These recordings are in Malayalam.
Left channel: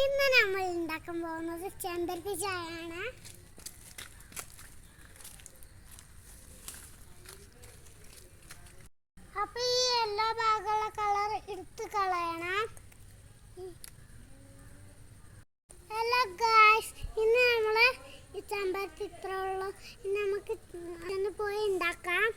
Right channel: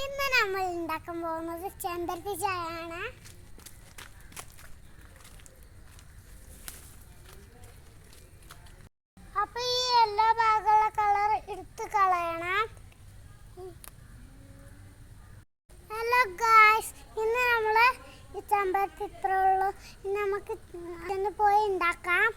ഇന്ന് നമ്മൾ ഉണ്ടാക്കാൻ പോകുന്നത് ചെമ്പരത്തി ചായയാണ്. അപ്പൊ ഈ എല്ലാ ഭാഗമുള്ള കളർ എടുത്ത് കളയണം. ഹലോ ഗായ്സ്, ഇന്ന് നമ്മള് ഈ ചെമ്പരത്തി ഇത്ര ഉള്ളു. ഇന്ന് നമുക്ക് ഒന്ന് പോയി ഉണ്ടാക്കാം.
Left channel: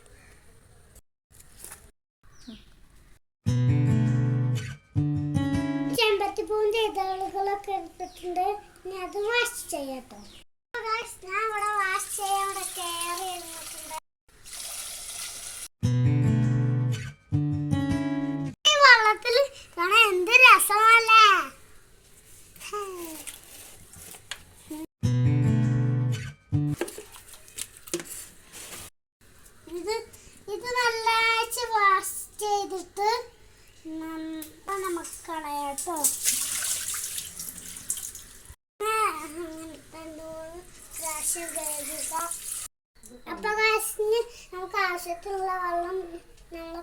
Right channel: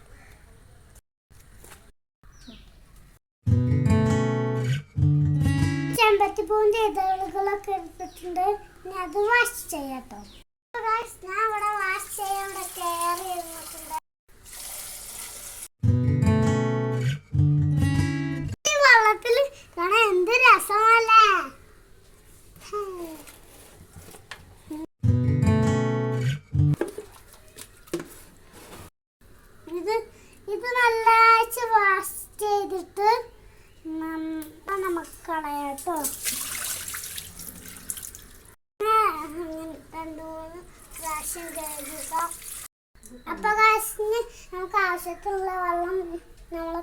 ചെമ്പരത്തിപ്പൂവിന്റെ ഇതളുകളൊക്കെ എടുത്തിട്ടുണ്ട്. ഇനി അത് വാഷ് ചെയ്യാട്ടോ. ഞാൻ ഇവിടെ വാഷ് ചെയ്യാൻ ഇവിടെ കയറി ഇരുന്നിട്ടുണ്ട്. ഈ വെള്ളത്തിൽ കാണാൻ എന്ത് രസമല്ലേ. ഇത് നല്ല വാഷ് ചെയ്തിട്ട് നമുക്ക് കളയാട്ടോ. രണ്ടുമൂന്ന് പ്രാവശ്യം കഴുകുക. അപ്പൊ നമുക്ക് ആവശ്യത്തിനുള്ള വെള്ളം നമ്മളെ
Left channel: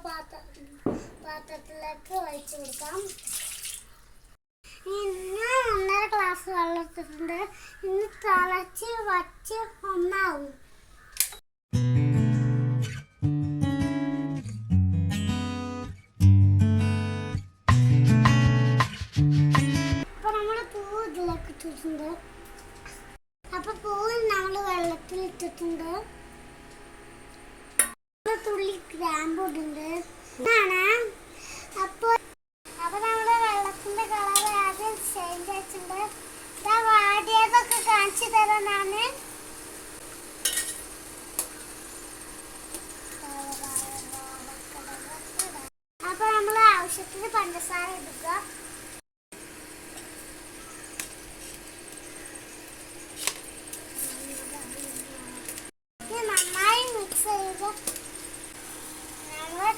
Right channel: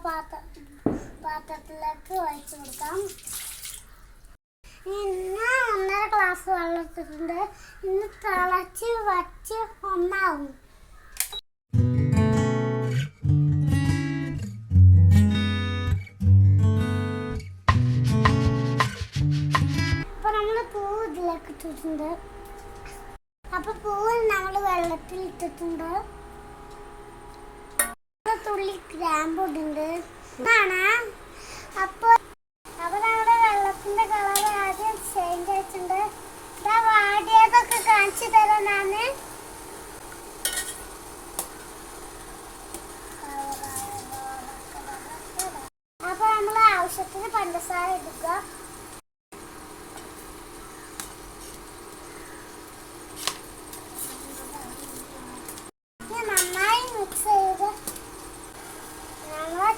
പാത്രത്തിലേക്ക് ഒഴിച്ചു കൊടുക്കാം. ഇന്ന് 1.5 ഗ്ലാസ് വെള്ളം എടുത്തിട്ടുണ്ട്. ഇന്ന് തിളച്ച് വച്ച് ഒന്നാവും. ഇട്ടിട്ടുണ്ട്. അപ്പൊ പൂവ് നമ്മൾ വെള്ളത്തിൽ ഇട്ടിട്ടുണ്ട്. തുള്ളി ഗ്രാമ്പു ഇടുന്നുണ്ട്. അപ്പൊ നമ്മുടെ വെള്ളത്തിന്റെ കളർ ആദ്യം ചേഞ്ച് ആയിട്ടുണ്ട്. വാടിയതൊക്കെ കാണിച്ചു തരാം ഞാന്. അപ്പൊ നമ്മൾ ആവശ്യത്തിന് പഞ്ചസാര ഇടുക.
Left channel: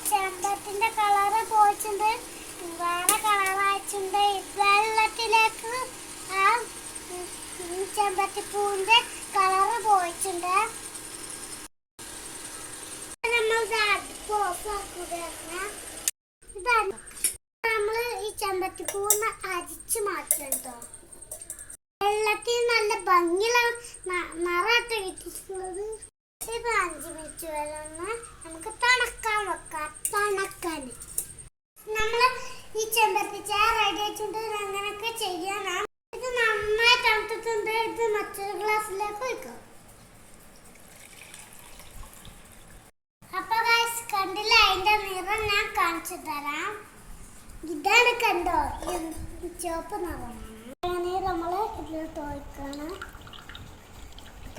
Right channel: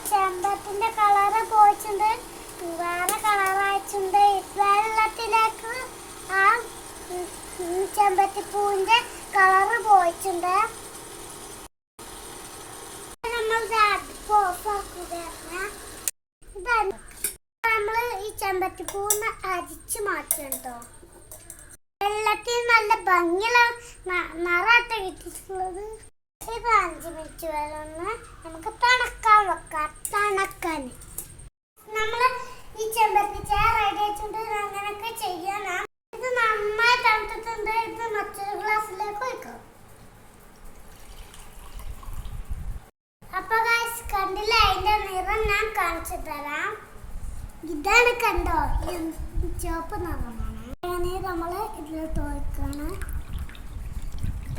ചെമ്പരത്തിന്റെ കളറ് പോയിട്ടുണ്ട്, വേറെ കളറായിട്ടുണ്ട്. വെള്ളത്തിലേക്ക് ആ ചെമ്പരത്തിപ്പൂവിന്റെ കളറ് പോയിട്ടുണ്ട്. നമ്മൾ ഈ ചെമ്പരത്തിപ്പൂവിനെ അരിച്ചു മാറ്റണം കേട്ടോ. വെള്ളത്തിൽ നല്ല ഭംഗിയുള്ള നിറമായിട്ട് കിട്ടിയിട്ടുള്ളത്. 5 മിനിറ്റ് വെള്ളം നമുക്ക് തണുക്കാൻ വെക്കാം. തണുക്കാൻ നമ്മൾ ഈ ചെമ്പരത്തി ചായ റെഡി ആയിട്ടുണ്ട്. അങ്ങനെയൊക്കെ ചെയ്യണം. ഇത് നന്നായി തണുത്തിട്ടുണ്ട്. ഇത് മറ്റൊരു ഗ്ലാസ്സിലേക്ക് ഒഴിക്കാം. അപ്പൊ കണ്ടില്ല, അതിന്റെ നിറം ഞാൻ കാണിച്ചു തരാം. ഇതാണ് കണ്ടോ, ചുവപ്പ് നിറമാണ്. നമ്മള് ഇതിലോട്ട് ഒഴിക്കണം.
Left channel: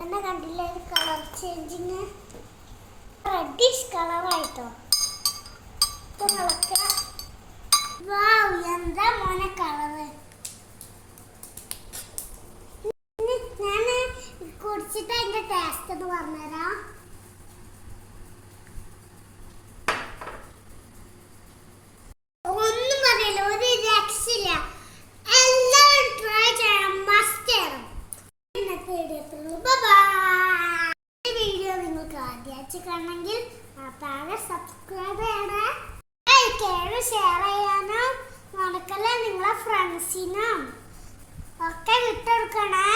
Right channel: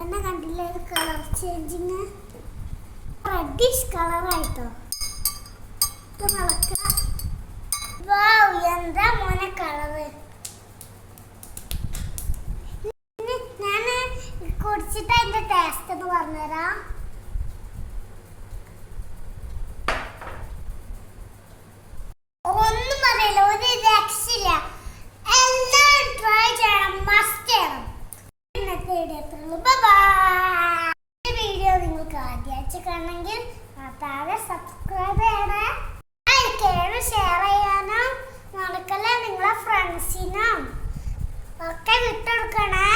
എന്നെ കണ്ടില്ലേ കളർ ചേഞ്ചിങ്, റെഡിഷ് കളറായിട്ടോ. എന്താ മോനെ കളറ്. ഞാൻ കുടിച്ചിട്ട് അതിന്റെ ടേസ്റ്റ് ഒന്ന് പറഞ്ഞുതരാം. ഒന്നും പറയില്ല, ഒരു രക്ഷയില്ല. എല്ലാവരും ട്രൈ ചെയ്യണം, മസ്റ്റ് ചെയ്യണം. വീഡിയോ നിങ്ങൾക്ക് ആദ്യമായിട്ട് കാണണമെങ്കിൽ താഴെ സബ്സ്ക്രൈബ് ചെയ്യണം. ഷെയർ ചെയ്യാനും നടക്കല്ല. നിങ്ങളെ ഫ്രണ്ട്സിനും ഒക്കെ വിട്ടെടുക്കണേ.